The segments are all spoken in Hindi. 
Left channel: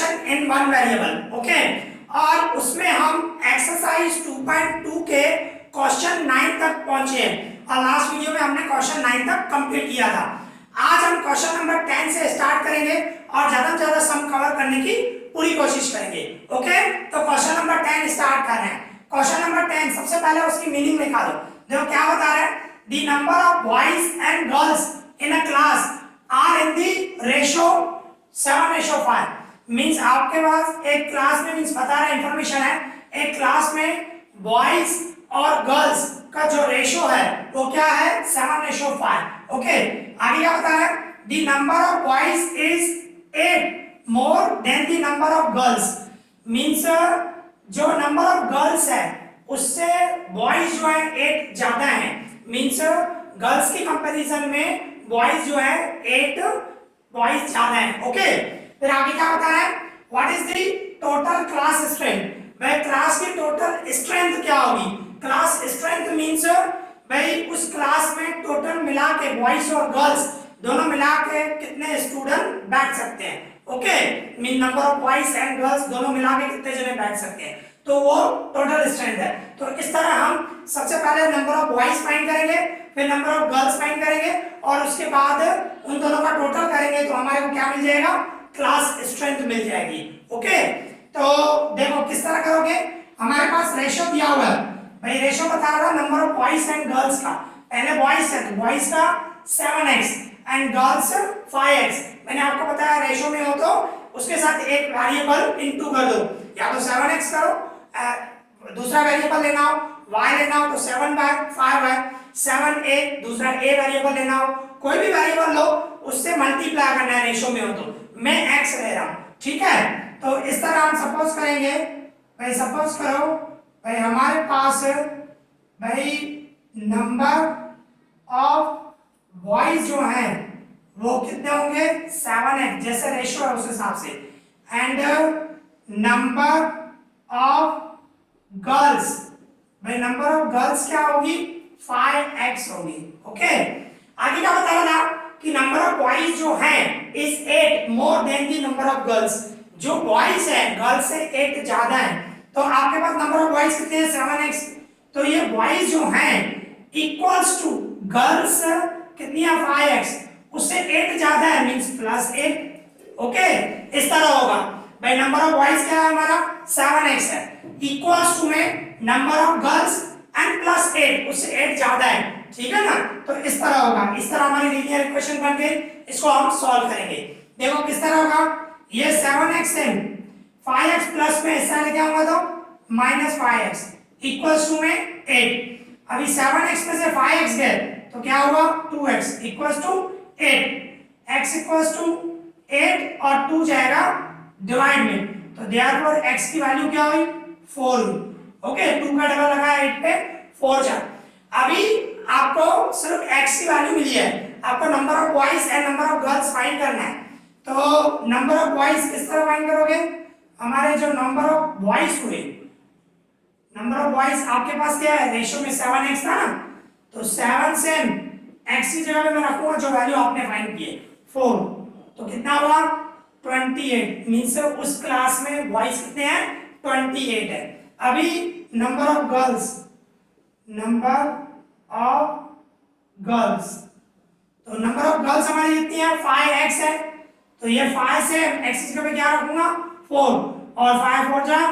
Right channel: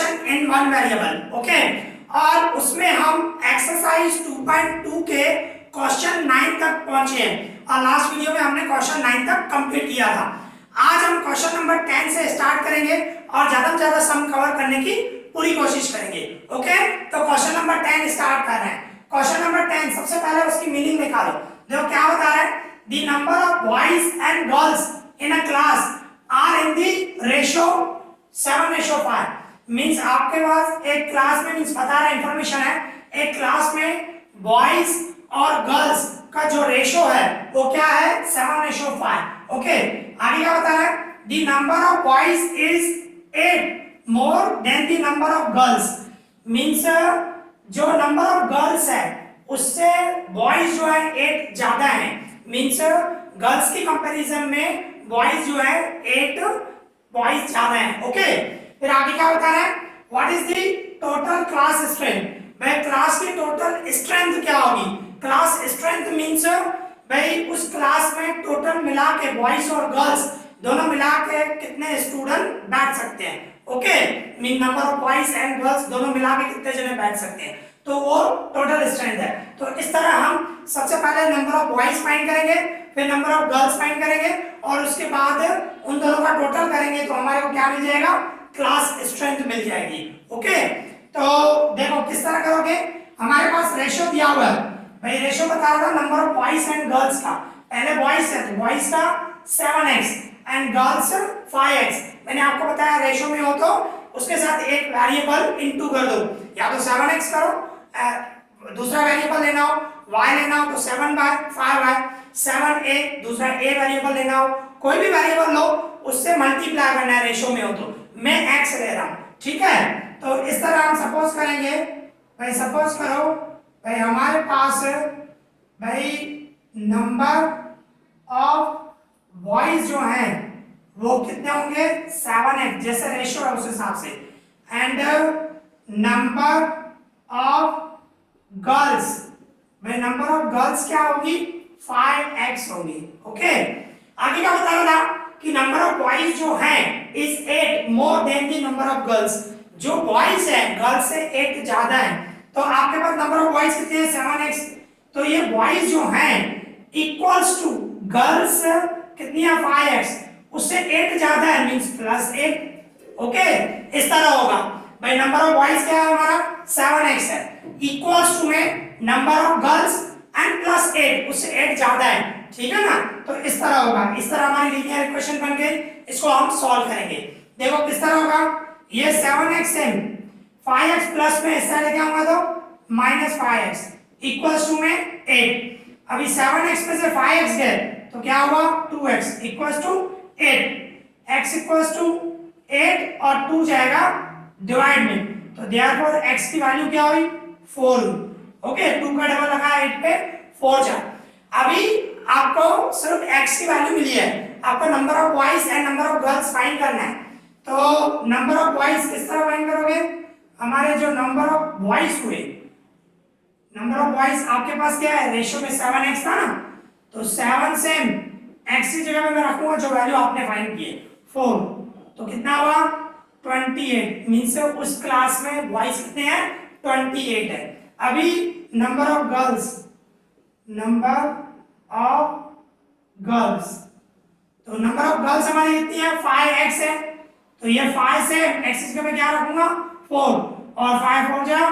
Question in one variable. Okay, और उसमें हम एक्सरसाइज 2.2 के क्वेश्चन 9 तक पहुंचे हैं और लास्ट वीडियो में हमने क्वेश्चन 9 तक कंप्लीट किया था। आज हम क्वेश्चन नंबर 10 से स्टार्ट करेंगे और ज्यादा से ज्यादा सम कवर करने की पूरी कोशिश करेंगे। ओके, तो क्वेश्चन नंबर 10 स्टार्ट कर रहे हैं। क्वेश्चन नंबर 10 सबसे पहले उसकी मीनिंग लिखा दो। देखो क्या बता रहा है, the number of boys and girls in a class are in the ratio 7:5। Means आपके पास एक क्लास में, मींस बता रहा है, इंफॉर्मेशन है, एक क्लास में बॉयज और गर्ल्स का जो रेशियो है वो क्या है, 7:5। ओके, आगे क्या बता रहा है, the number of boys is 8 more than the number of girls. Means जो नंबर ऑफ गर्ल्स है उससे बॉयज जो है 8 ज्यादा है। मींस गर्ल्स की कंपैरिजन में बॉयज जो है 8 बॉयज ज्यादा है। ओके, फिर आगे क्या बता रहा है, what is the total class strength. भाई क्लास की टोटल स्ट्रेंथ क्या होगी। क्लास स्ट्रेंथ मींस भाई उस क्लास में टोटल मिला के बॉयज और गर्ल्स दोनों मिला के कितने स्टूडेंट बैठ सकते हैं। Okay, mean number of boys and girls दोनों मिला के कितने जने बैठ सकते हैं, तो वो टोटल स्ट्रेंथ है। तो इस तरह हम सबसे पहले नंबर ऑफ बॉयज फाइंड करेंगे, फिर नंबर ऑफ गर्ल्स फाइंड करेंगे और उसके बाद उन दोनों का टोटल करेंगे तो हमारे को क्या मिल जाएगा, क्लास स्ट्रेंथ मिल जाएगी। ओके, तो देखो किस तरह करोगे, हमारे पास रेशियो दिया हुआ है। भाई रेशियो बता रहा है number of boys and girls का। पहले बॉयज है तो बॉयज का 7x एंड गर्ल्स 5x। मैंने आपको बताया रेशियो में हो तो उसके साथ एक वेरिएबल इनटू कर दो, या तो 7x करो, दूसरा वेरिएबल लेना हो y लेना हो तो 7/5y, 7a दूसरा a वेरिएबल लेना हो, कोई भी वेरिएबल लो उससे मल्टीप्लाई करना है रेशियो में हो तो। मैं x ले रहा हूं, ठीक है। तो इस तरह हम सपोज करेंगे, भाई सपोज करो भाई हमारे पास भाई नंबर ऑफ बॉयज जो है वो कितने होंगे, 7x जैसे रेशियो है उस हिसाब से, एंड नंबर ऑफ गर्ल्स, भाई नंबर ऑफ गर्ल्स क्या होगी, 5x होगी। ओके, आगे क्या बता रहा था कि नंबर ऑफ बॉयज जो है is 8 more than the number of girls. जो बॉयज है गर्ल्स से 8 ज्यादा है, तो आपके पास नंबर ऑफ बॉयज कितने हैं, 7x। तो ये बॉयज जो हैं इक्वल्स टू गर्ल्स कितनी है, 5x, उससे 8 ज्यादा है मींस +8। ओके, इस तरह होगा। भाई नंबर ऑफ बॉयज क्या है हमारा, 7x है, इक्वल्स टू में नंबर ऑफ गर्ल्स एंड +8, उससे 8 ज्यादा है, ठीक है ना। तो इस तरह होगा, इस तरह हमारी लीनियर इक्वेशन बन गई। इसको हम सॉल्व करेंगे। देखो किस तरह होगा, ये 7x है, 5x प्लस में हिस्सा लेके आऊंगा तो -5x इक्वल्स टू में 8। अभी 7x में से 5x गए तो क्या होगा, 2x equals to 8, x equals to 8 और 2 जाएगा डिवाइड में, तो देयरफॉर x की वैल्यू क्या हुई, 4 हुई। ओके, 2 का डबल लगाया 8 पे 4 जा। अभी आपको सिर्फ x की वैल्यू मिली है, आपको number of boys and number of girls find करना है। तो नंबर ऑफ बॉयज किस तरह फाइंड करोगे, हमारे जो नंबर ऑफ बॉयज हुए, नंबर ऑफ बॉयज आपके पास क्या है, रेशियो में 7x था ना, तो 7 से x की जगह पे मैं रखूंगा जो वैल्यू आपने फाइंड की है 4, तो कितना हुआ 28। मींस उस क्लास में बॉयज कितने हैं, 28 है। अभी number of girls, number of girls, तो नंबर ऑफ गर्ल्स हमारी कितनी है, 5x है, तो ये 5 से x की जगह पे क्या रखूंगा, 4, और 5 4 जा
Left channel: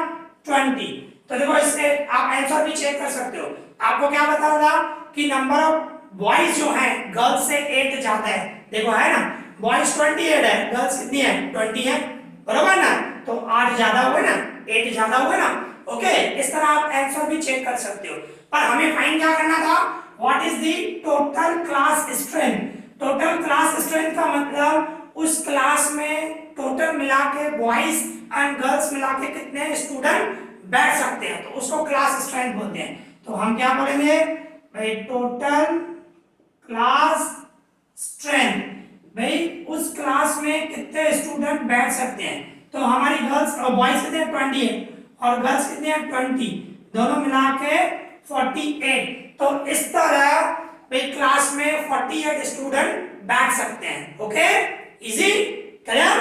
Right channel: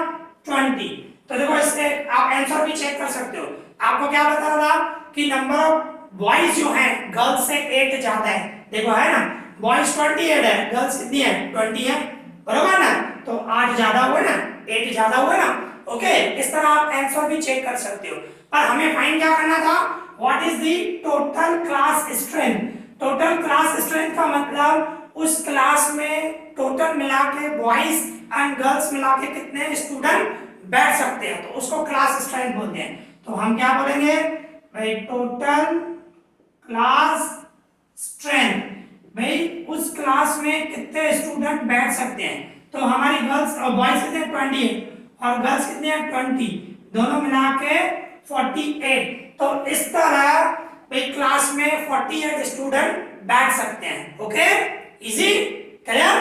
20। तो देखो इससे आप आंसर भी चेक कर सकते हो। आपको क्या बता रहा था कि नंबर ऑफ बॉयज जो है गर्ल्स से 8 ज्यादा है। देखो है ना, बॉयज 28 है, गर्ल्स कितनी है, 20 है, बरोबर ना, तो 8 ज्यादा हुए ना, 8 ज्यादा हुए ना। ओके, इस तरह आप आंसर भी चेक कर सकते हो। पर हमें फाइंड क्या करना था, what is the total class strength. Total class strength का मतलब उस क्लास में टोटल मिला के बॉयज एंड गर्ल्स मिला के कितने स्टूडेंट बैठ सकते हैं, तो उसको क्लास स्ट्रेंथ बोलते हैं। तो हम क्या बोलेंगे भाई, टोटल क्लास स्ट्रेंथ, भाई उस क्लास में कितने स्टूडेंट बैठ सकते हैं। तो हमारी गर्ल्स और बॉयज कितने 20 है और गर्ल्स कितने हैं 20, दोनों मिला के 48। तो इस तरह भाई क्लास में 48 स्टूडेंट बैठ सकते हैं। Okay, easy, clear.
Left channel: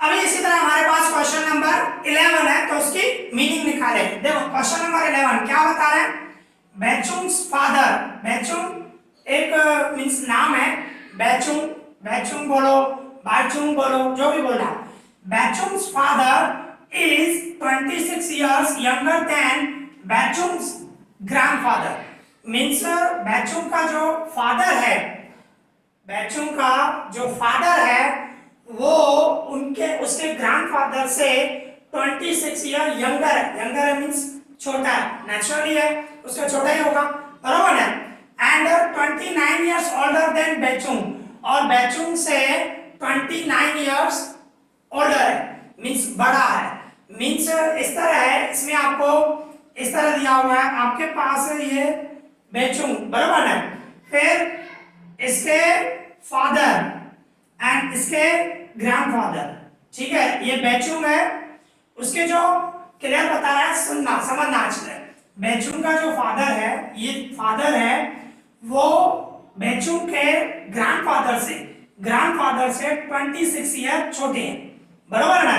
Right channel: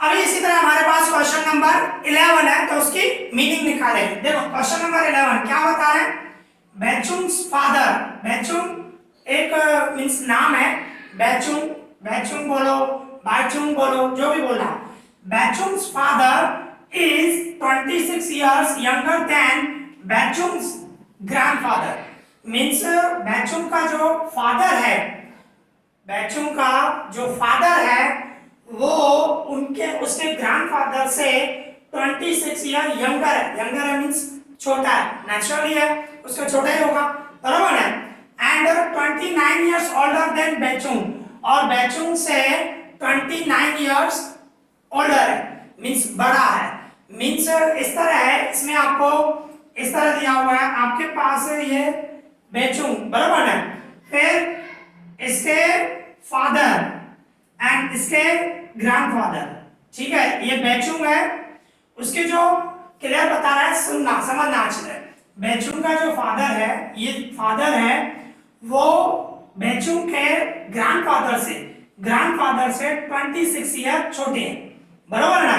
अभी इसी तरह हमारे पास क्वेश्चन नंबर 11 है, तो उसकी मीनिंग निकाले। देखो क्वेश्चन नंबर 11 क्या बता रहे हैं, बेचुंग्स फादर, बेचुंग एक मींस नाम है, बेचुंग, बेचुंग बोलो, बाचुंग बोलो, जो भी बोलना। Bechung's father is 26 years younger than Bechung's grandfather. Means Bechung का जो फादर है, बेचुंग का जो फादर है वो उनके उसके ग्रैंडफादर से 26 ईयर यंगर है। यंगर है मींस छोटा है, नेचुरली है उसका छोटा ही होगा, बराबर है। एंड 29 इयर्स ओल्डर देन बेचुंग, और बेचुंग से 29 इयर्स ओल्डर है, मींस बड़ा है। मींस इस तरह है, इसमें आपको इस तरह दिया हुआ है, आपके पास ये बेचुंग, बराबर है, फिर इसके फादर एंड इसके ग्रैंडफादर, ठीक है, ये बेचुंग है, उसके जो क्लियर बता रहा है, सुनना समझना अच्छे से। बेचुंग का जो फादर है, ये फादर है, वो बेचुंग के ग्रैंडफादर से 26 ईयर छोटे हैं, बराबर ना।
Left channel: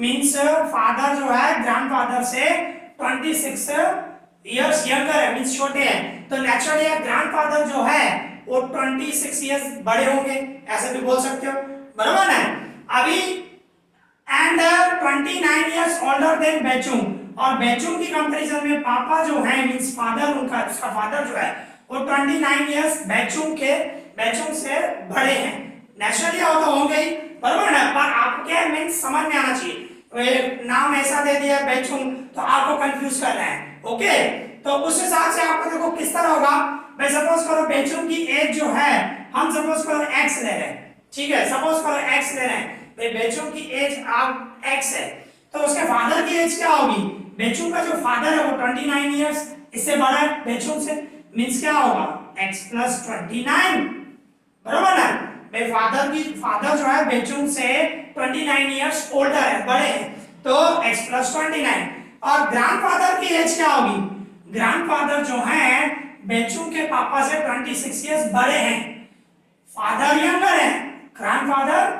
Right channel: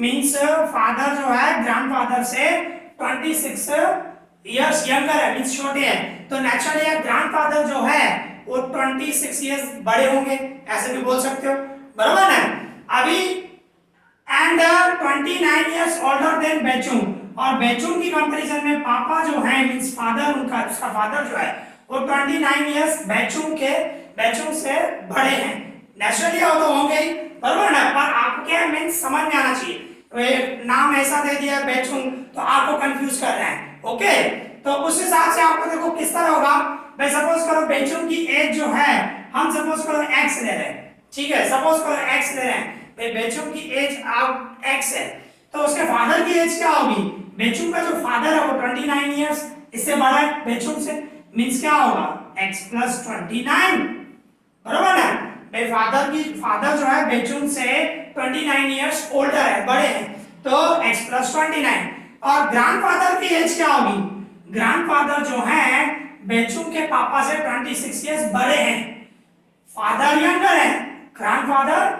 मींस फादर जो है ग्रैंडफादर से 26 इयर्स यंगर है, मींस छोटे हैं, तो नेचुरली ग्रैंडफादर जो है वो 26 इयर्स बड़े होंगे, ऐसे भी बोल सकते हो, बराबर है। अभी एंड 29 इयर्स ओल्डर देन बेचुंग, और बेचुंग की कंपैरिजन में पापा जो है मींस फादर, उनका उसका फादर जो है वो 29 इयर्स बेचुंग से बड़े हैं, नेचुरली वो तो होंगे ही, बराबर ना। पर आपको क्या मींस समझ में आना चाहिए, तो नाम ऐसा दे दिया बेचुंग तो आपको कंफ्यूज कर रहे हैं, ओके। तो उस हिसाब से आपको देखो किस तरह होगा, भाई सपोज करो बेचुंग की एज जो है, हम सपोज करो x ले रहे हैं, ठीक है, सपोज करो x ले रहे हैं, भाई बेचुंग की एज आप x है, तो उसके फादर की एज क्या होगी, बेचुंग का जो फादर है वो 29 इयर्स इससे बड़ा है बेचुंग से, मींस क्या होगा x + 29, बराबर ना। भाई फादर जो है बेचुंग से 29 इयर्स ओल्डर है, बड़े हैं, तो x + 29, और ग्रैंडफादर की एज क्या होगी, ग्रैंडफादर जो है बेचुंग के पापा से 26 इयर्स बड़े हैं, फादर यंगर है, ग्रैंडफादर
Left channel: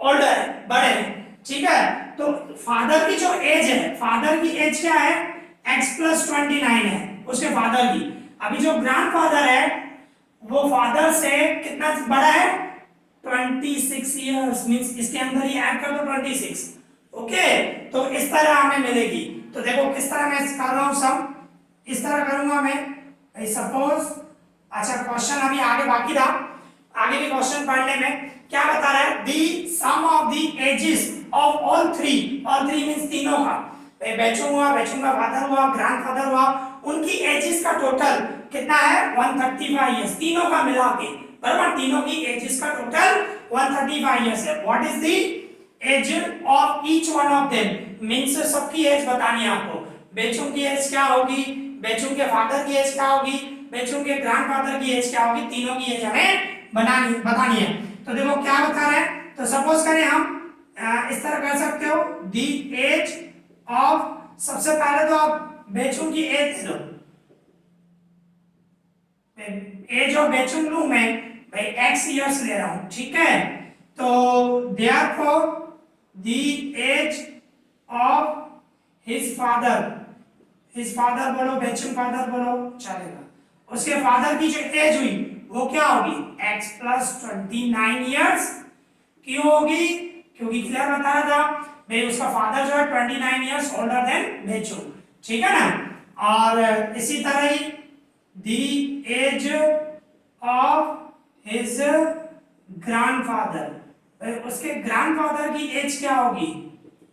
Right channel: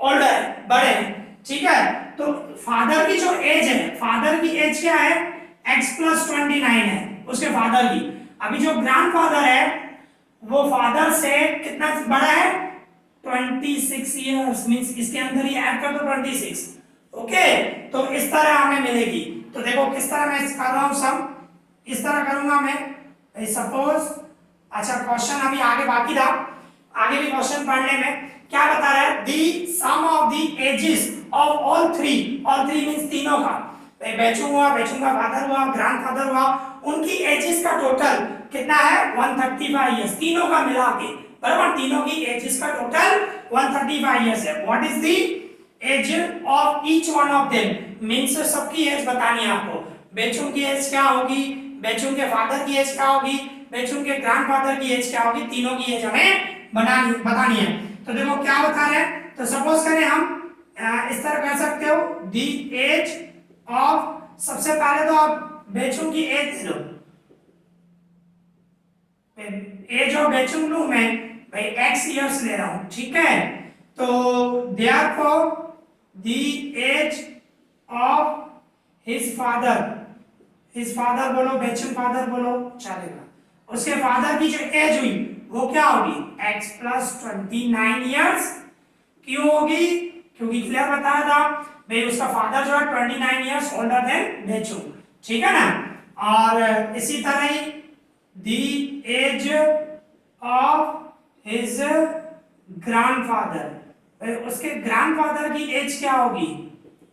ओल्डर है, बड़े हैं, ठीक है। तो फादर की जो एज है, फादर की एज क्या है, x + 29 है उसके फादर की। अभी जो ग्रैंडफादर है वो फादर से कितना बड़ा है, 26 इयर्स, मींस इसके अंदर ही ऐड कर दो 26, ओके। तो इस तरह हमें मिलेगी, तो देखो किस तरह मैं कर रहा हूं, सब इस तरह करूंगा मैं, सपोज, अच्छा क्वेश्चन अभी आगे बाकी था, आगे भी क्वेश्चन पढ़ने में क्या बता रहा है, the sum of the ages of all three means तीनों का, बेचुंग हुआ, बेचुंग का फादर हुआ, ग्रैंडफादर हुआ, उनकी एजेस का टोटल कितना है 135 इयर्स, तीनों का मिला के, बराबर, तीनों की एजेस का टोटल 135 इयर्स है। What is the age of each one of them, means सबकी एज बतानी है आपको, बेचुंग की एज क्या होगी, बेचुंग के फादर की एज क्या होगी, बेचुंग के ग्रैंडफादर की एज क्या होगी, तीनों की एज हमें बतानी है। तो देखो क्या बता रहे हैं, तो सपोज करें हम इस तरह कर सकते हो, दी एज ऑफ, सबसे पहले तो आप बेचुंग की एज लो, एज ऑफ बेचुंग लूं मैं, भाई x इयर्स ले रहा हूं, ठीक है। तो therefore the age of his father बोलो, बेचुंग फादर बोलो, चलेगा, उसके फादर की जो एज हुई वो क्या होगी, x + 29 इयर्स, क्यों होगी, क्योंकि क्लियर बताया था भाई उसका फादर जो है 29 इयर्स ओल्डर देन बेचुंग, ठीक है ना। और इसी तरह ही दी एज ऑफ हिज ग्रैंडफादर, उसके ग्रैंडफादर की एज क्या होगी,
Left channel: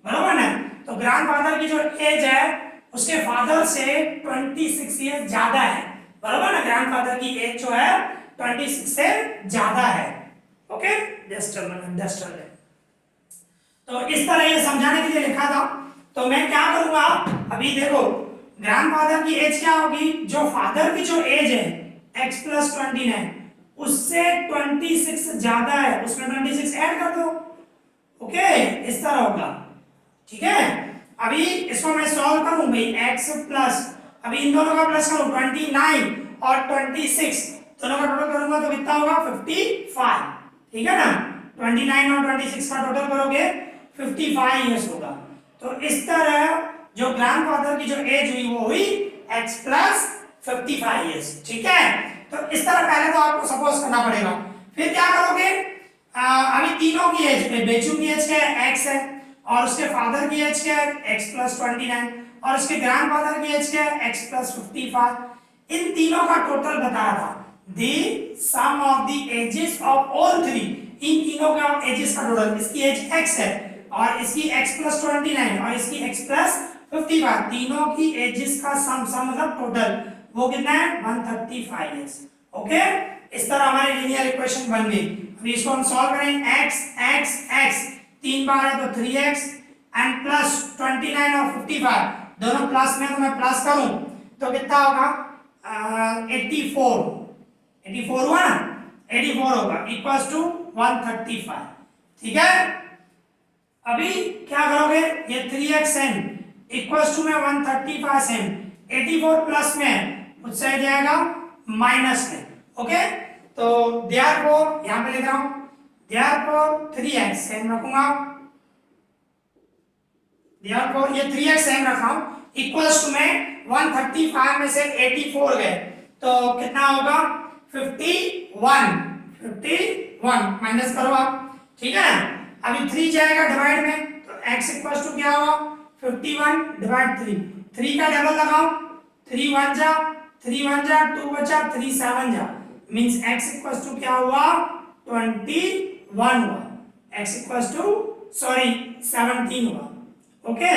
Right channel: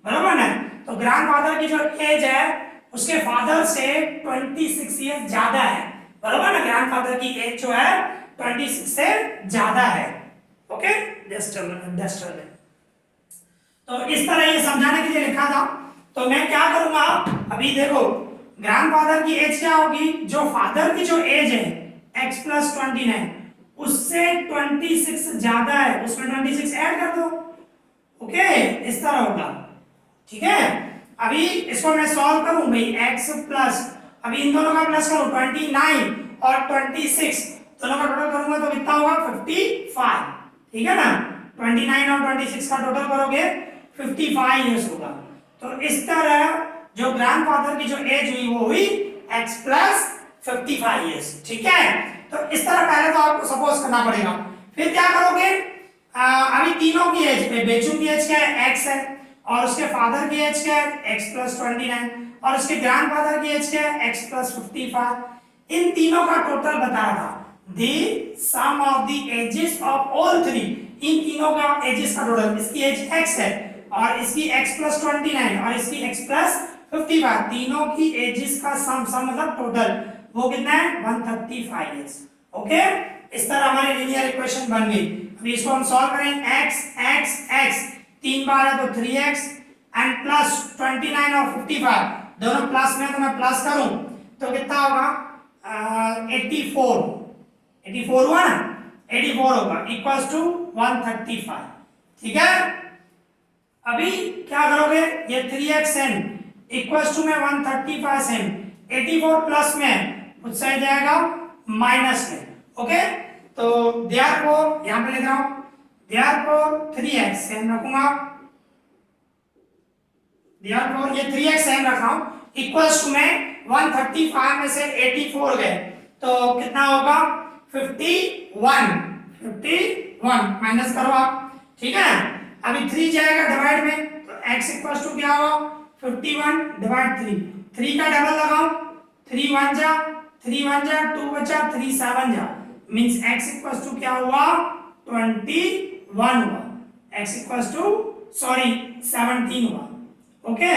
बराबर ना। तो ग्रैंडफादर की जो एज है उसके फादर से 26 इयर्स ज्यादा है, बराबर ना, ग्रैंडफादर की एज जो है 26 से ज्यादा है, ओके, जस्ट तो इस तरह ये समझाने के लिए लिखा था। तो मैं क्या करूंगा, अभी देखो ग्रैंडफादर की एज क्या होगी, जो फादर की जो एज है x + 29 उससे 26 ज्यादा है, उसमें 26 ऐड कर दो, ओके, इस तरह होगा, ठीक है। अभी इसको मैं सॉल्व करूं भाई, x प्लस, अभी इन दोनों का प्लस करूं 29 और 26, दोनों का टोटल करूंगा तो कितना होगा 55, ठीक है ना। 29 और 26 का टोटल करोगे 55 ईयर्स होगा। तो इस तरह जो ग्रैंडफादर की जो एज हुई वो हुई x प्लस 55 ईयर्स। ठीक है, तो इस तरह पहले तो आपको सपोज करना पड़ेगा। फिर क्या करोगे, अभी तीनों की एज पे, बेचू की एज क्या है x है, और उसके फादर की एज क्या है x प्लस 29, और उसके ग्रैंडफादर की एज क्या है x प्लस 55। इन तीनों का टोटल बता रहा था, the sum of the ages of all three, इन तीनों का एजेस का टोटल, इसकी एज x है और इसकी x प्लस 29 और इसकी x प्लस 55, तीनों की एजेस का सम मतलब टोटल वो कितना है 135 इयर्स। ओके, इस तरह हमारी लीनियर इक्वेशन बन गई। अभी इसको हम सॉल्व करें, x x x 3 बार है तो 3x एंड प्लस 29 और 55 दोनों प्लस में, तो मैं प्लस करूं तो कितना होगा 84 हुआ ना, 84 होगा इक्वल्स टू 135। ठीक है, अभी क्या करोगे, ये 3xn इक्वल्स टू में 135n, 84 प्लस में उस साइड जाएगा माइनस में। ओके, तो देयरफॉर यहां पे लिख रहा हूं, देयरफॉर 3x सेम रखूंगा, देयरफॉर ये 3x सेम रखा हूं इक्वल्स टू में 135 में से 84 गए तो कितना होगा 51 माइनस करो आप। ठीक है, अभी 3 जाएगा डिवाइड में तो x इक्वल्स टू क्या होगा 51 डिवाइड 3 का डबल लगाओ, 3 1 जा 2 बचा 3 7 जा, मींस x इक्वल्स टू क्या हुआ 21 हुआ, x इक्वल्स टू सॉरी 17 हुआ। ओके,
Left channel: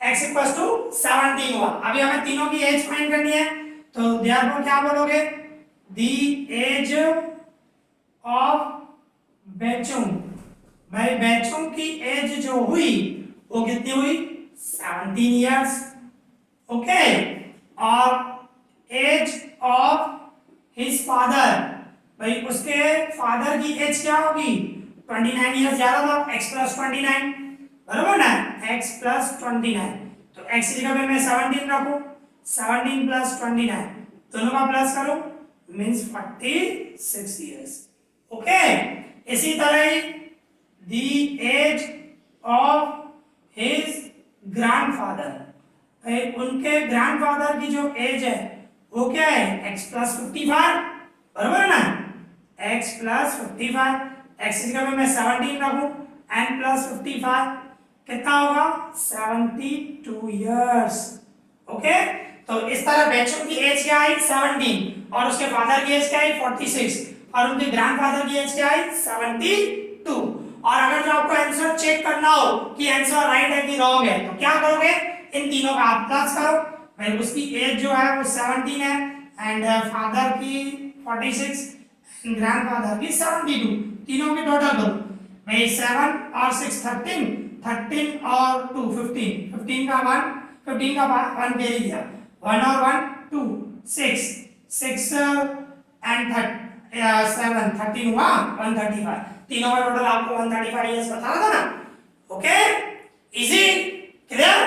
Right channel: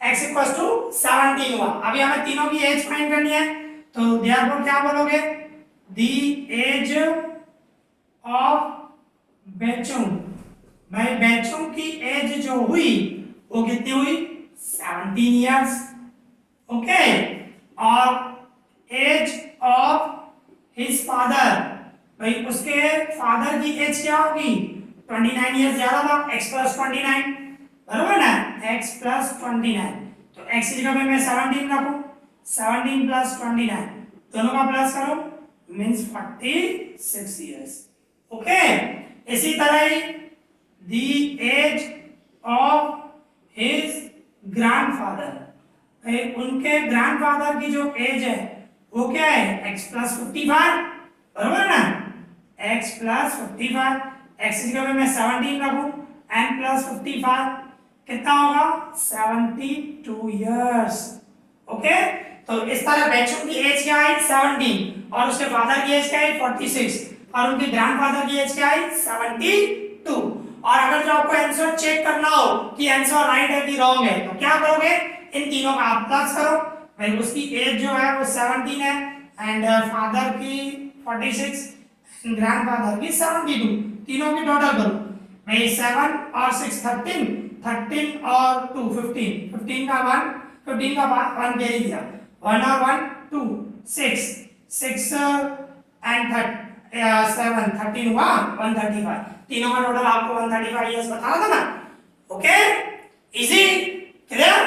x इक्वल्स टू 17 हुआ। अभी हमें तीनों की एज फाइंड करनी है तो देयरफॉर क्या बोलोगे, द एज ऑफ बेचुंग, भाई बेचुंग की एज जो हुई वो कितनी हुई 17 इयर्स। ओके, और एज ऑफ हिज फादर, भाई उसके फादर की एज क्या होगी 29 इयर्स, ज्यादा था x प्लस 29 बराबर ना, x प्लस 29 तो x की जगह पे मैं 17 रखूं, 17 प्लस 29 दोनों का प्लस करूं मींस 46 इयर्स। ओके, इसी तरह ही the age of his grandfather, उनके ग्रैंडफादर की जो एज है वो क्या है x प्लस 55 बराबर ना, x प्लस 55, x की जगह में मैं 17 रखूं n प्लस 55 कितना होगा 72 इयर्स। ओके, तो इस तरह बेचुंग की एज क्या है 17 और उसके फादर की एज क्या है 46 और उनके ग्रैंडफादर की एज क्या है 72। और अगर जो आपको आंसर चेक करना हो कि आंसर राइट है कि रॉन्ग है तो क्या करोगे, इन तीनों का आप प्लस करो, भाई उसकी एज जो है वो 17 है एंड फादर की 46 ग्रैंडफादर की 72, तीनों की टोटल करो, भाई 7 और 6 13 और 2 15 का 1 15 का 1 दे दिया, 1 और 1 2 6 एंड 7 13 हुआ 135, तीनों का टोटल आपको 135 इयर्स बताना था ना। Okay, easy clear.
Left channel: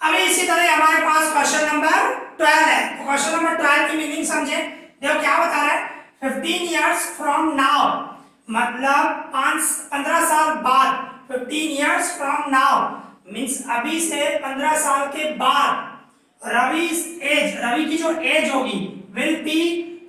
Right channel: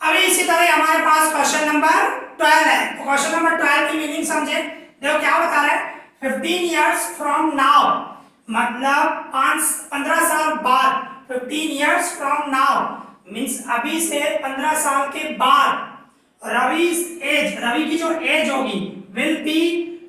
अभी इसी तरह हमारे पास क्वेश्चन नंबर 12 है, तो क्वेश्चन नंबर 12 की मीनिंग समझे। देखो क्या बता रहा है, 15 इयर्स फ्रॉम नाउ, मतलब 15 साल बाद, 15 इयर्स फ्रॉम नाउ मींस अभी से 15 साल के बाद, रवि's एज, रवि की जो एज होगी विल बी,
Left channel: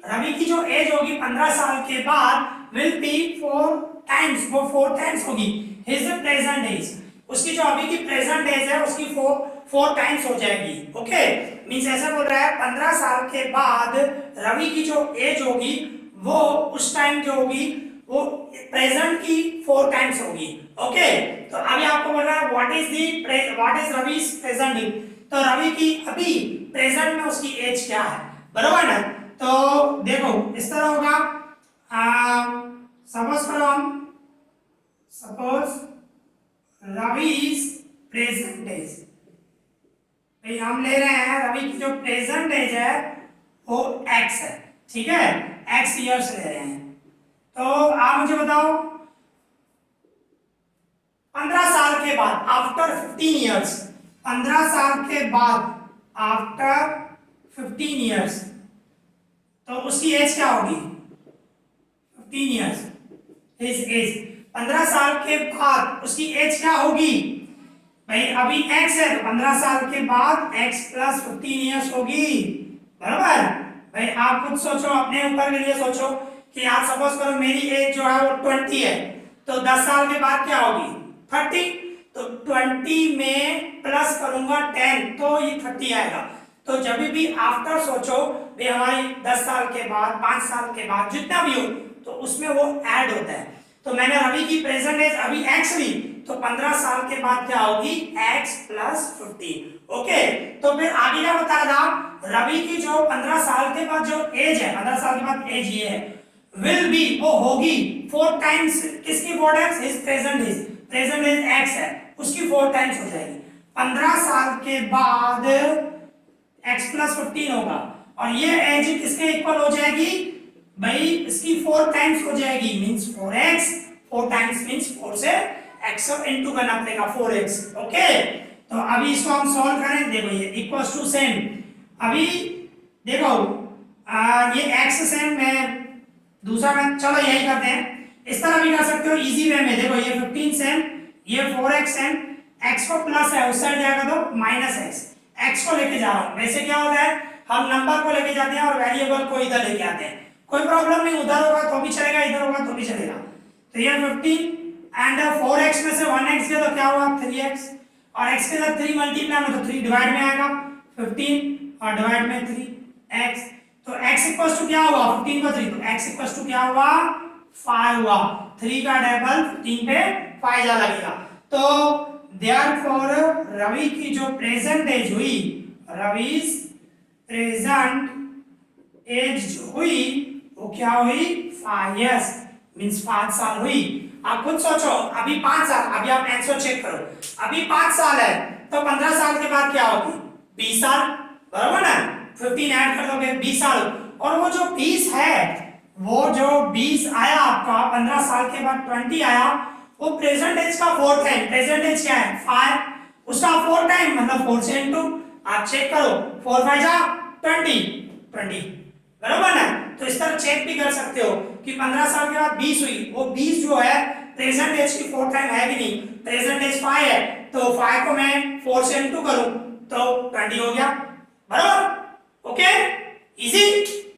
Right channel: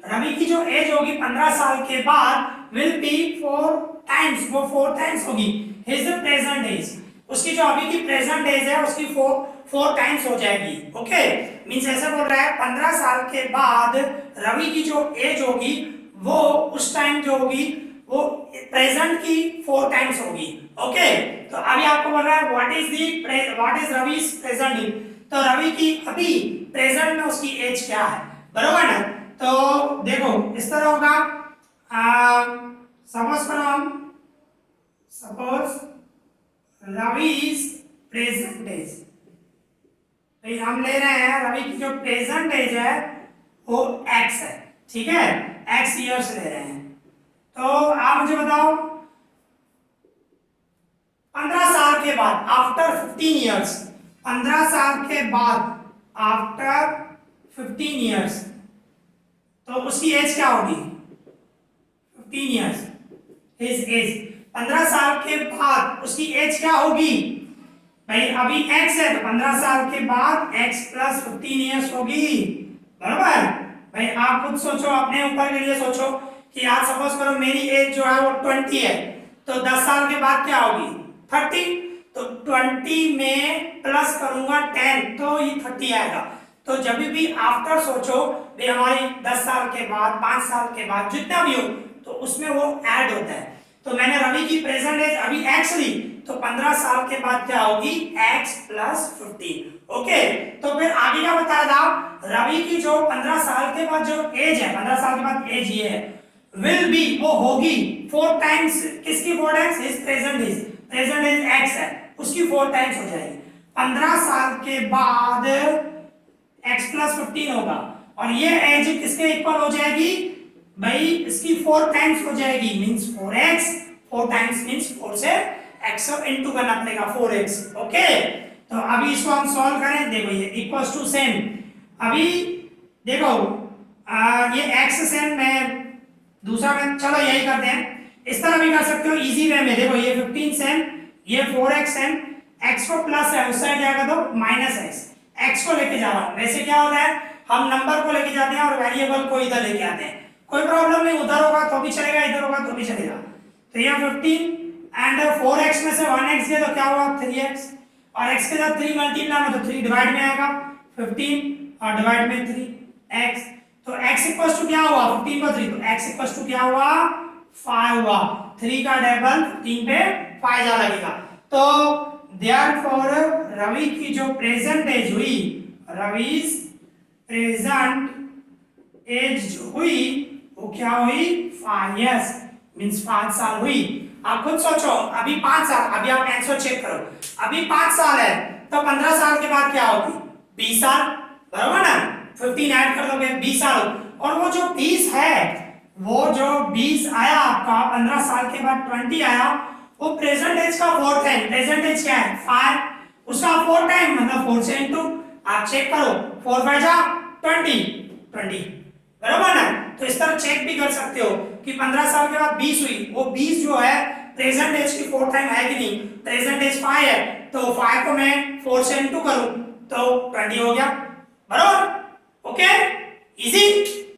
रवि की जो एज होगी 15 साल के बाद विल बी 4 टाइम्स, वो 4 टाइम्स होगी हिज प्रेजेंट एज, उसकी जो अभी की प्रेजेंट एज है उसकी 4 टाइम्स हो जाएगी। ओके, मींस ऐसा बोल रहा है 15 साल के बाद रवि की जो एज होगी वो उस टाइम जो होगी वो प्रेजेंट की 4 टाइम्स होगी। ओके, तो अभी आपको बोल रहा है व्हाट इज रवि's प्रेजेंट एज, तो रवि की अभी प्रेजेंट में उसकी एज क्या है बराबर ना। तो देखो इस तरह होगा, सपोज करो हम, सपोज रवि's प्रेजेंट एज, भाई हम ले रहे हैं रवि की जो प्रेजेंट एज है वो x है, ठीक है, x इयर्स ले रहे हैं। तो आप मुझे बताओ 15 साल के बाद, आफ्टर 15 इयर्स, 15 साल के बाद आफ्टर 15 इयर्स तो उसकी एज क्या होगी 15 इयर्स, हिज एज, 15 साल के बाद उसकी एज क्या होगी भाई, अभी x है तो 15 साल के बाद x प्लस 15 ईयर्स होगी, बराबर। भाई आप खुद सोचो, अपने ऊपर के लिए सोचो कि आज सपोज करो मेरी एज जो है वो 20 है, तो 10 साल के बाद क्या होगी 30, तो 20 में प्लस करूंगा 10 तो ये 30 आएगा। तो जब भी आफ्टर सोचो भाई हमारी 10 साल के बाद 5 साल के बाद जितना भी हो तो उसमें वो ऐड होता है। तो मैंने रवि की प्रेजेंट एज अभी x ली, तो 15 साल के बाद क्या होगी x प्लस 15। ओके, तो फिर आगे क्या बताया था, रवि की जो 15 साल के बाद जो एज है, 15 साल के बाद एज ये है विल बी, वो होगी 4 टाइम्स किसकी 4 times his present age x है उसकी 4 टाइम्स हो जाएगी। 15 साल के बाद x प्लस 15 होगा और ये एज किसके इक्वल हो जाएगी भाई, इसकी 4 टाइम्स हो जाएगी, मींस 4x, 4 टाइम्स मींस 4 से x को इनटू करना पड़ेगा 4x। ओके, तो अभी इसको हम सॉल्व करें, देखो ये इक्वल्स टू सेम, अभी देखो ये x सेम में दूसरा में, चलो यही करते हैं, इस तरह भी कर सकते हो इजी वे में। देखो ये 15 सेम, ये 4x सेम, x को प्लस है उस साइड जाएगा तो माइनस x को लेके जा रहा हूं। वैसे क्या होता है हम नंबर को लेके जाते हैं और वेरिएबल को इधर लेके आते हैं, कोई प्रॉब्लम नहीं, उधर होगा तो भी चलेगा इधर होगा तो भी चलेगा। तो ये 15 एंड 4x में से 1x गया तो क्या हुआ 3x, और x के साथ 3 मल्टीप्लाई में तो 3 डिवाइड में आएगा 15 और डिवाइड में 3x, तो x इक्वल्स टू क्या हुआ 15 को 3, तो x इक्वल्स टू क्या हुआ 5 हुआ, 3 का डबल 15 पे 5 जा लगेगा। तो देयरफॉर रवि की जो प्रेजेंट एज हुई, रवि's प्रेजेंट एज जो हुई वो क्या हुई 5 इयर्स, मींस 5 साल हुई। आप खुद सोचो अभी 5 साल, अभी आप आंसर चेक करो, अभी 5 साल है तो 15 साल के बाद क्या होगी 20 साल, बराबर ना, 15 ऐड कर दोगे 20 साल, और वो जो 20 है, वो जो 20 आया आपका 15 साल के बाद 20 आया, वो प्रेजेंट एज का 4 टाइम, प्रेजेंट एज क्या है 5, उसका 4 टाइम मतलब 4 से इनटू, आप चेक करो 4 5 जा 20, बराबर ना। तो इस तरह चेक भी कर सकते हो कि 15 साल के बाद 20 हुई, वो 20 जो है प्रेजेंट एज की 4 टाइम है कि नहीं, प्रेजेंट एज 5 है तो 5 को मैं 4 से इनटू करूं तो 20 हो गया, बराबर। Okay, easy.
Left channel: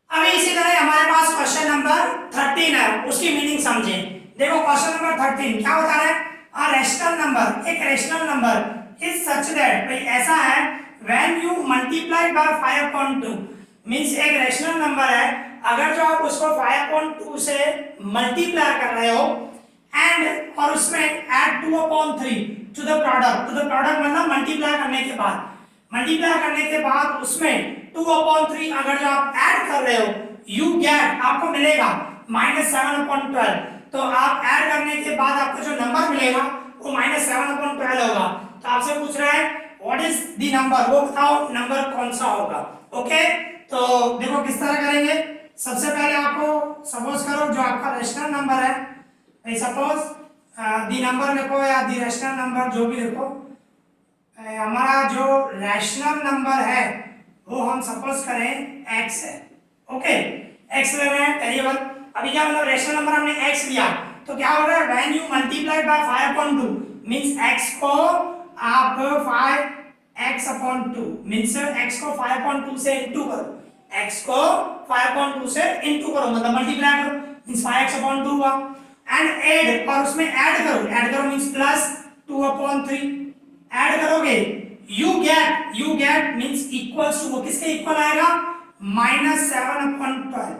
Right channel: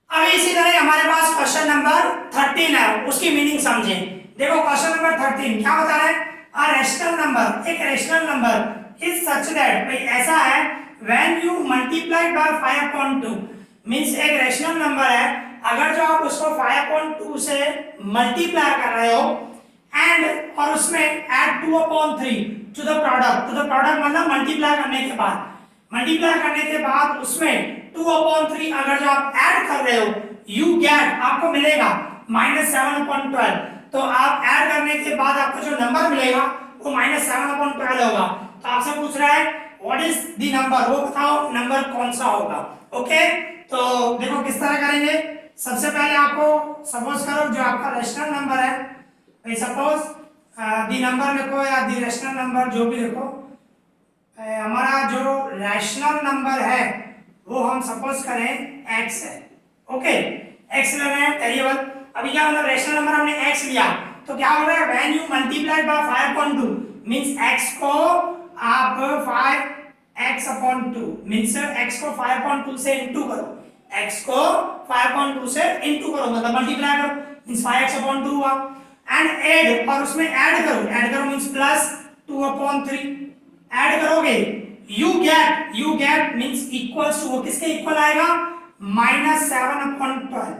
अब इसी तरह हमारे पास क्वेश्चन नंबर 13 है, उसकी मीनिंग समझें। देखो क्वेश्चन नंबर 13 क्या बता रहा है, अ रैशनल नंबर, एक rational number is such that, भाई ऐसा है when you multiply by 5/2, means एक रैशनल नंबर है अगर जो आप उसको 5/2 से मल्टीप्लाई कर रहे हो एंड और उसमें ऐड 2/3 टू द प्रोडक्ट, मतलब मल्टीप्लाई करने के बाद, उसमें 2/3 अगर जो आप ऐड कर रहे हो यू गेट, आपको मिलेगा -7/12, तो आप ऐड करने के बाद आपको जो नंबर मिलेगा वो -7/12 होगा। तो आपसे पूछ रहा है व्हाट इज द नंबर, वो बताओ नंबर कौन सा होगा। ओके, तो देखो किस तरह करेंगे। सबसे पहले आपको सपोज करो जो आपका रैशनल नंबर है, भाई सपोज दी नंबर लिखो या दी रैशनल नंबर जो भी लिखो, हमारा जो रैशनल नंबर है वो हम सपोज करें x है। ओके, x ले रहे हैं वेरिएबल, अभी क्या मतलब रैशनल नंबर हमने x लिया तो क्या हो रहा है when you multiply by 5/2 means x को आप 5x/2 मींस x को 5/2 से इनटू करो, x को 5/2 से इनटू करो मतलब मल्टीप्लाई करो मींस 5x/2 हुआ, एंड ऐड, और उसमें ऐड करो मींस प्लस 2/3 ऐड करोगे, you get means equals to, वो किसके इक्वल आएगा -7/12,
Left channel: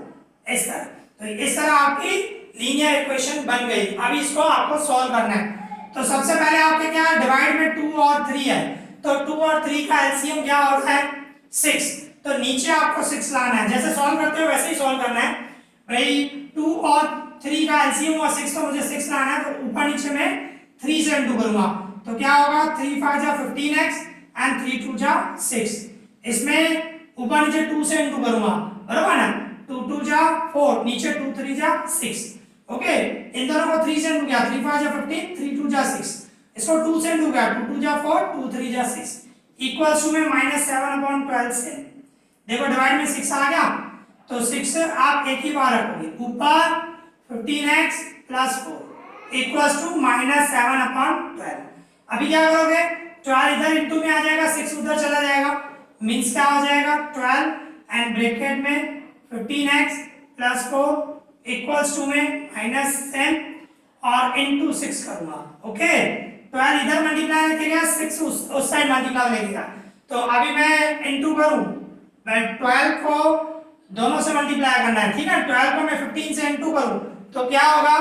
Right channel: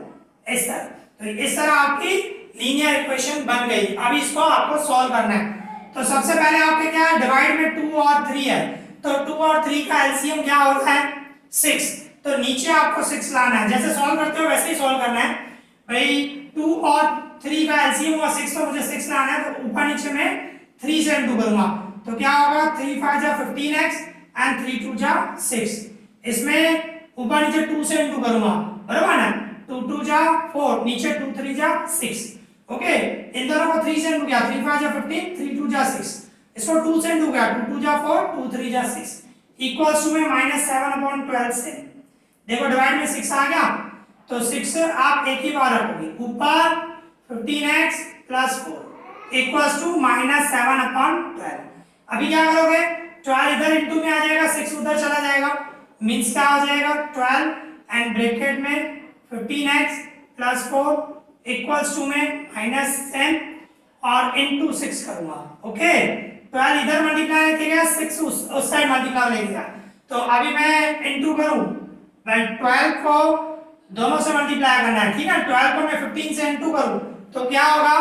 इस तरह। तो इस तरह आपकी लीनियर इक्वेशन बन गई। अब इसको आपको सॉल्व करना है। तो सबसे पहले आपके क्या है डिवाइड में 2 और 3 है, तो 2 और 3 का एलसीएम क्या होता है 6, तो नीचे आपको 6 लाना है, जैसे सॉल्व करते हो वैसे ही सॉल्व करना है। भाई 2 और 3 का एलसीएम हुआ 6, तो मुझे 6 लाना है, तो ऊपर नीचे में 3 से इनटू करूंगा, तो क्या होगा 3 5 जा 15x एंड 3 2 जा 6, इसमें ऊपर नीचे 2 से इनटू करूंगा, बराबर ना, 2 2 जा 4, नीचे 2 3 जा 6। ओके, इन दोनों को 3 से इनटू किया, 3 5 जा 15, 3 2 जा 6, इसको 2 से इनटू किया, 2 2 जा 4, 2 3 जा 6 इक्वल्स टू में -7/12 से, देखो डिवाइड में 6 आ गया, तो 6 आप एक ही बार रखोगे, ऊपर 15x + 4, इक्वल्स टू -7/12। अभी क्या करोगे, 12 इधर इंटू में आ जाएगा, 6 उधर चला जाएगा, मीन्स क्या हो जाएगा 12 एंड ब्रैकेट में 15x प्लस 4 इक्वल्स टू में -10 और इनटू 6 करूंगा। ओके, 12 इधर मल्टीप्लाई करेगा, 6 उस साइड मल्टीप्लाई लेगा। तो अभी मैं इनटू करूं, मैं 12 को दोनों से मल्टीप्लाई करना है, ठीक है। 12 को मैं 15 से इनटू करूं तो क्या होगा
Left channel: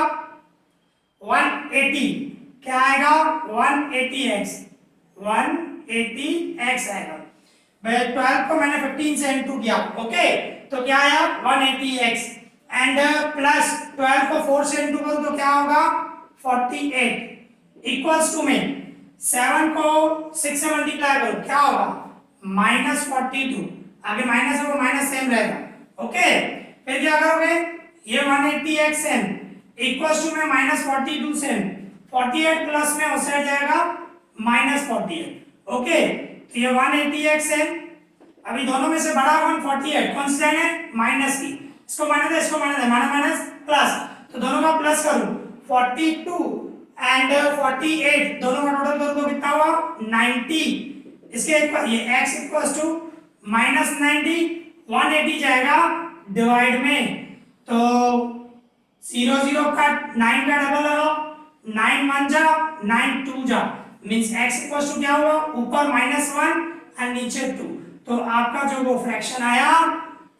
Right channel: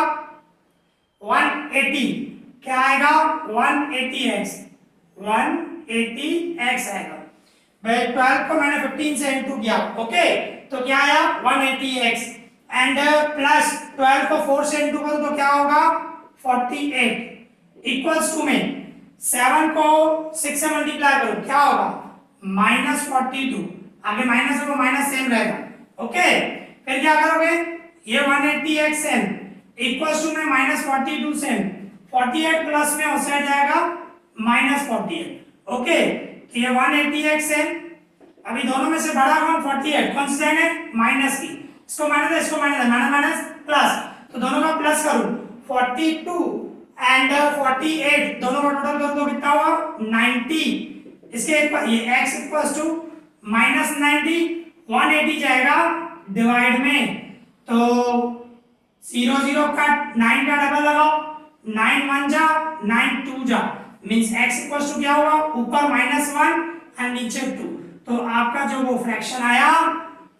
180, क्या आएगा 180x, 180x आएगा। भाई 12 को मैंने 15 से इनटू किया, ओके, तो क्या आया 180x एंड प्लस 12 को 4 से इनटू करूं तो क्या होगा 48 इक्वल्स टू में 7 को 6 से मल्टीप्लाई करो क्या होगा -42, आगे माइनस को माइनस सेम रहेगा। ओके, फिर क्या करोगे, ये 180x सेम इक्वल्स टू में -42 सेम, 48 प्लस में उस साइड जाएगा -48। ओके, तो ये 180x सेम, अभी दोनों में से बड़ा कौन 48, कौन सा है माइनस की, इसको माइनस है, इसको माइनस है, माइनस प्लस, तो दोनों का प्लस करूं 42 एंड 48 दोनों का टोटल करो तो कितना हुआ 90, इसके ये x इक्वल्स टू -90, 180 जाएगा डिवाइड में, तो 0 0 का 9 का डबल लगाओ, 9 1 जा 9 2 जा, मींस x इक्वल्स टू क्या होगा ऊपर -1 एंड नीचे 2, तो आपका जो वो फ्रैक्शन आया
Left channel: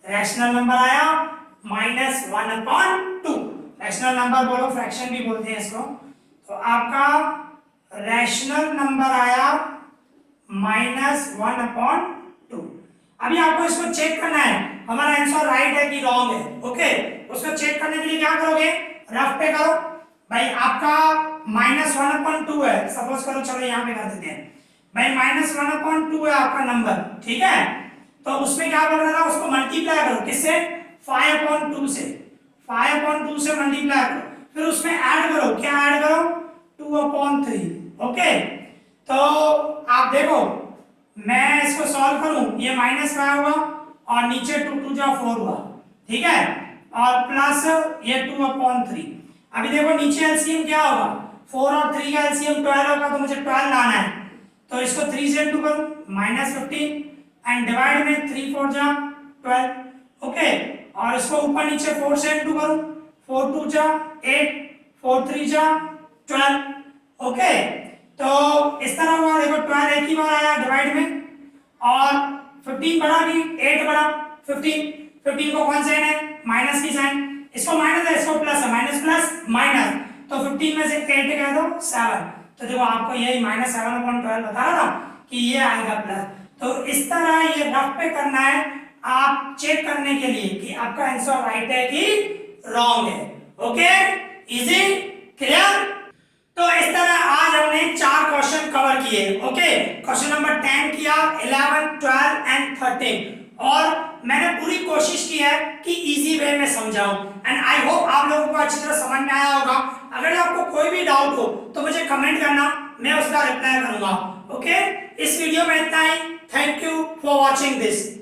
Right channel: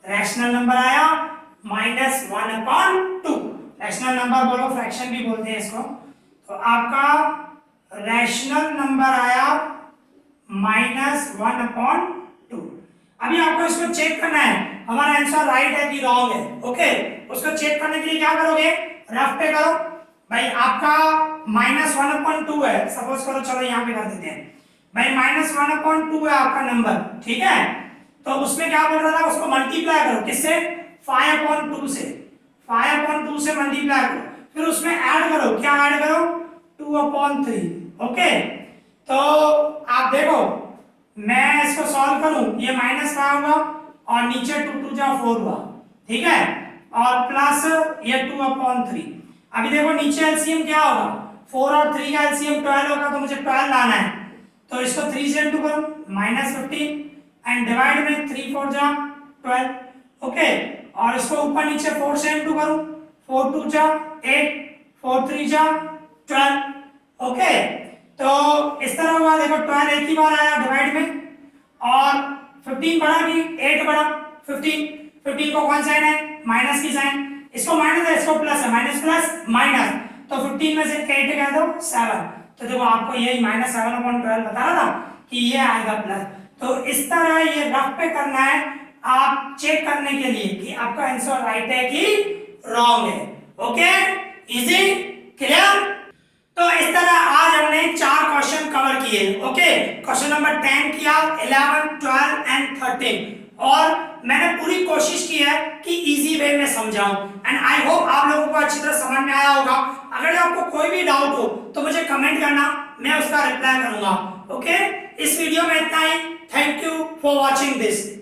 रैशनल नंबर आया -1/2। रैशनल नंबर बोलो, फ्रैक्शन भी बोलते हैं इसको, तो आपका रैशनल नंबर आया -1/2। अभी आपको इसको चेक करना है हमारा आंसर राइट है कि रॉन्ग है। ओके, उसको चेक करने के लिए क्या करोगे, रफ पे करो भाई, आपका -1/2 है, सपोज करो, चलो यहाँ पे कर देते हैं भाई, -1/2 है आपका नंबर, ठीक है। तो उसमें क्या बोल रहा था, उसको मल्टीप्लाई करो किससे 5/2 से, 5/2 से मल्टीप्लाई करो, फिर उसमें ऐड करो, क्या ऐड करो 2/3। ओके, तो आप देखो मैं इसको सॉल्व करूं, ये -5 हुआ और नीचे 2 2 जा 4 हुआ, ठीक है, और प्लस ये 2/3। अभी देखो नीचे एलसीएम क्या होगा, 4 और 3 का एलसीएम 12 होगा, तो मुझे 12 लाना है, तो इसको 3 से इनटू करूं -15 एंड डिवाइड में 3 4 जा 12। ओके, और इसको ऊपर नीचे 4 से इनटू करूं, 4 2 जा 8, 4 3 जा 12। ओके, तो इस तरह हुआ, देखो 12 एक ही बार आया डिवाइड में, और 15 बढ़ा कि 8 बढ़ा 15 को कौन साइन है माइनस की साइन, इसको माइनस है, इसको प्लस है, माइनस प्लस माइनस, तो 15 में से 8 कह दो 7, तो देखो आपको यही -7/12 बता रहा था कि ये आएगा प्लस। तो इस तरह ये रफ पे करना है आप चेक करने के लिए कि आपका आंसर राइट है कि रॉन्ग है। Okay, easy, clear. तो इस तरह आज हमने 4 क्वेश्चन कवर किए। ओके, क्वेश्चन नंबर 10 किया, 11 12 एंड 13, और मैंने पूरी कोशिश की है कि इजी वे में समझाऊं, एंड आई होप आप लोगों को अच्छी तरह समझ में आया होगा। अगर आपको कोई भी डाउट हो तो मुझे कमेंट करना, मैं उसका रिप्लाई करूंगा। ओके, इस वीडियो में इतना ही। Thank you for watching this.